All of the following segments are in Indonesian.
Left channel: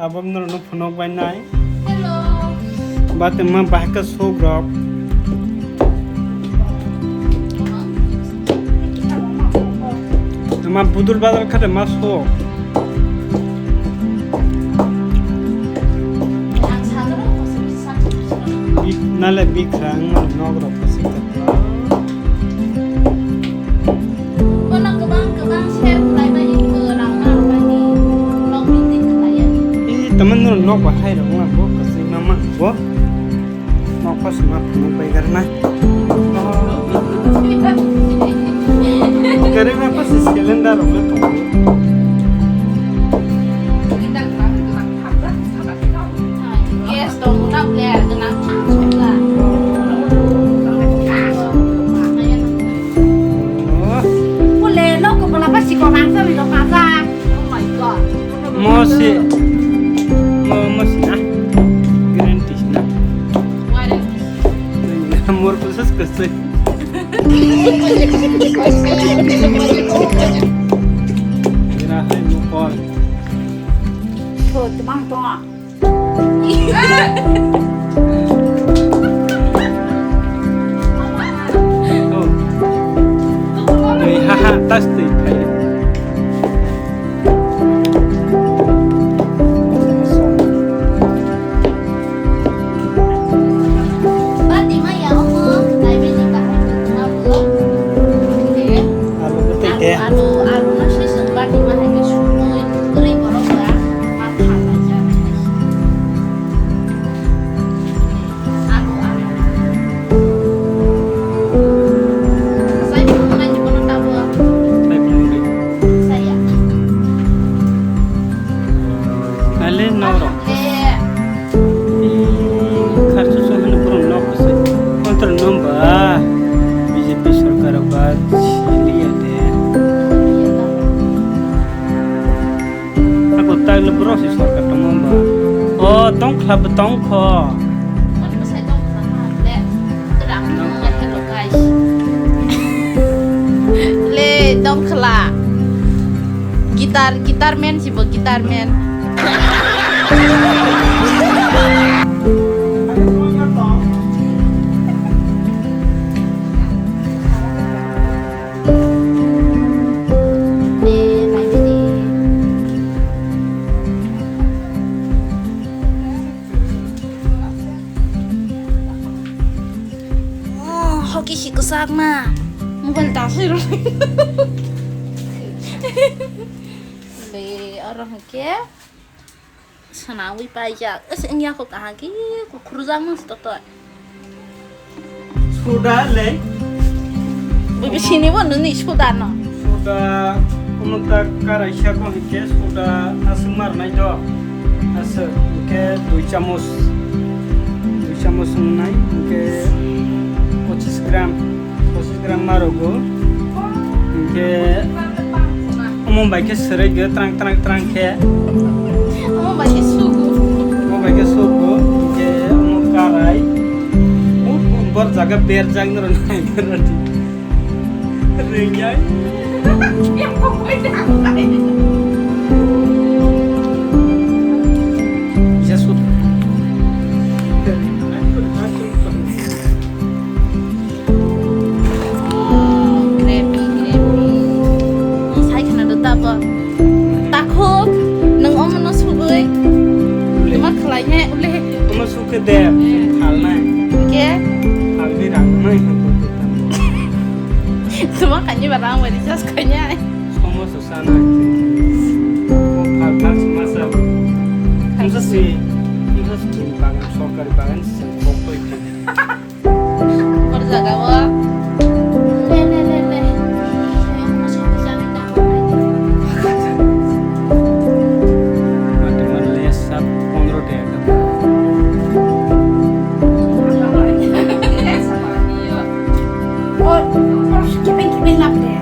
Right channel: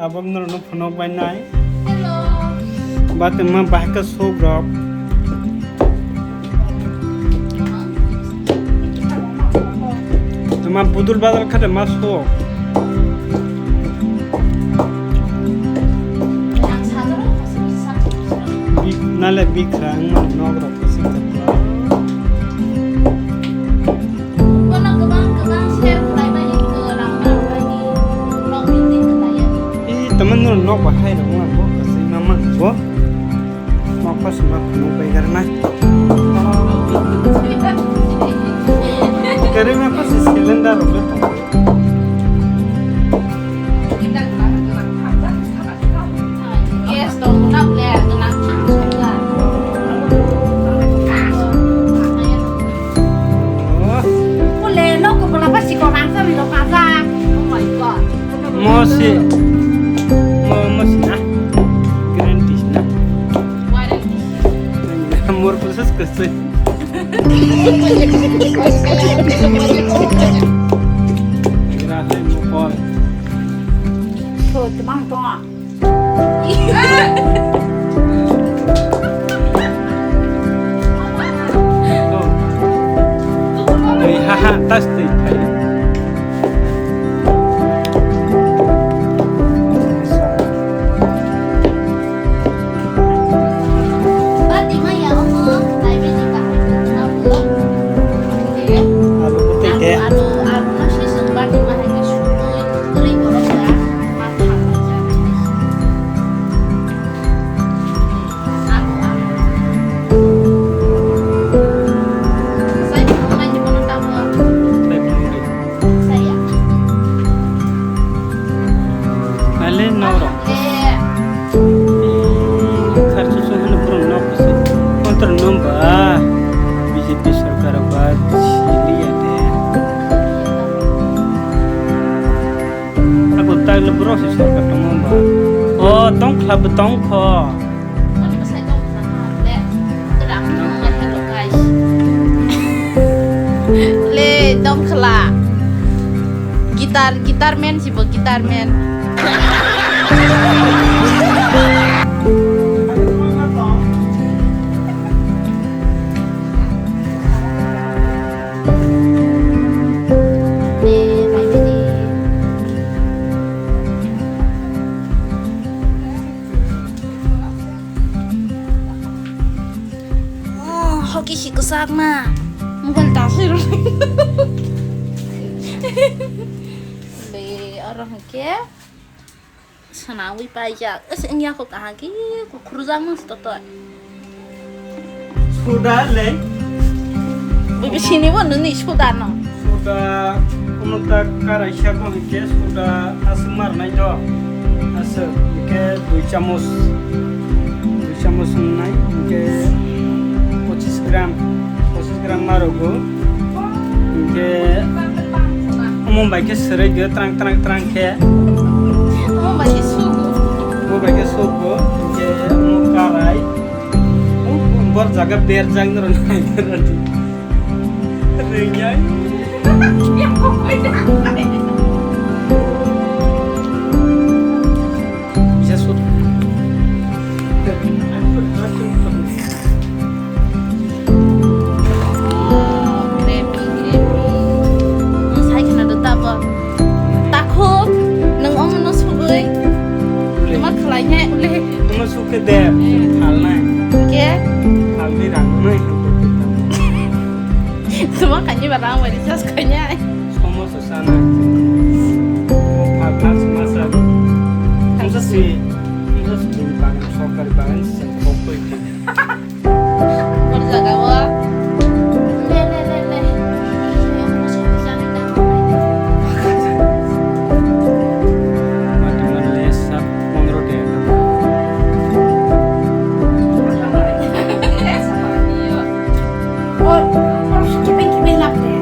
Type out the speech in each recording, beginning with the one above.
tabak nur no phonok bai nai Hello. bat ma bahka sogrok ma budul badal khade ma so Ang sadaro kasi sa bik nale bikrang ma nogrok kasik tapla Kona kebang share kulai ba ni ke rang ma ba ni nok meeting kulai ya ni. I temen nur nok ba hai rong ma bo kasik mama bo nok pas ma phonok bai karna करे में पास सिलेंडर होले तो Yes, dong guna boleh kenang juga. Boleh lo ke berapa sih kau nangsa di lokasi? Oh my god. मोसी ना ग्यारंटी ना Waduh. More process कैसे गिरा है मोकॉल Tuh, temang tuh. तो ये हाँ तस तो इठाई Berarti mah ya om, naik biji tahu cuma belum. आलू को ते दे Alu nasi sempat di mah lagi subuh kering borok ya, makan aja. Alu. Saya belum nanya mana tahu मैं भूल saya. पहले नौरो Eh, खर्च सोहन पुरो नौ से कंत्र नंबा बीजेपी सरकार बाद छिलिया दे aku tag le bro si सरकार तमबा ओ तों क्लब तों खो mana pas saya tahu sama le, terang nggak hello guys. Le, dong kela. Gitar man sih, bu gitar man. Hoki sih kesak mah, mungkin tasir. Le orang ke, sanawi pajak, ini aku kahagi, aku kurang mas toto. sudah le Bibi sini pun nih sudah no. sudah umunta karai syako hike sudah asmar nai jo as hike 2 chamus nai hike 25 gram marogo hike umum baike serai ge trang ke Kamu bagi sugu. वो बाइके सोको हike umum karai बर jaga ber jang nro nai gerati renyai Yang pokoknya bisa sud Gravy. Saya kena duta apa? Takut, neng om neng sugoi. Cuma kelainya uleh. Uma suke de hal nai Oke, hal bi rang nai ko pitam cuma kayaknya barang wali jas kayaknya. somo sosana वो फाल समस्या हमसे से बागान सरकारी बागान से कोई Baru jaga wa. Le. Yang masuk ke sana dah. mati man le sab 15 day Oh, harus kipin lap deh.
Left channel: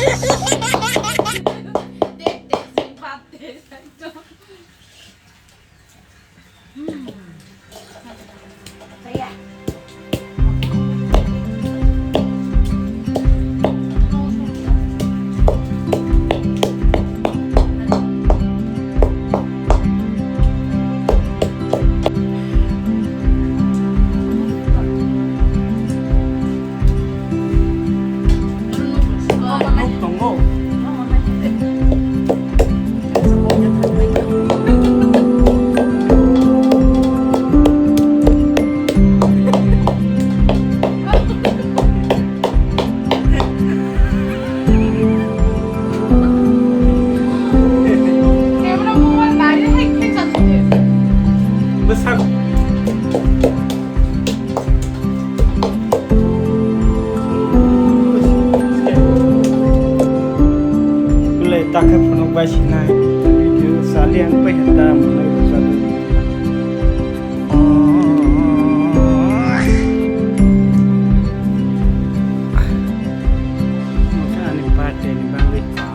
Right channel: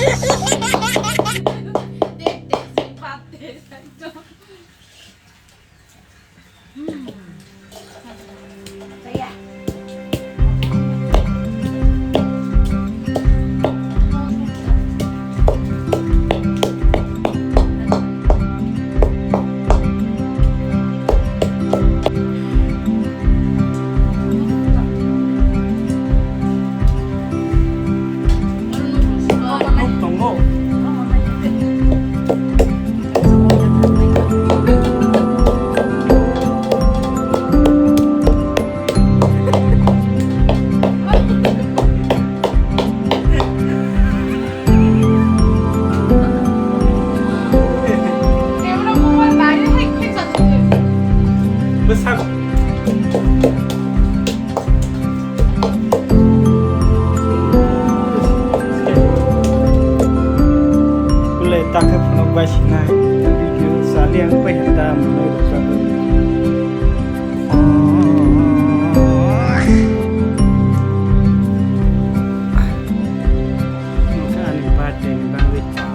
Dek sing pate saito. Saya. Tunggu. Besar. Mulai tak phone basinai video saliang pehta munai rosago. Maka ani pate ni bangwit.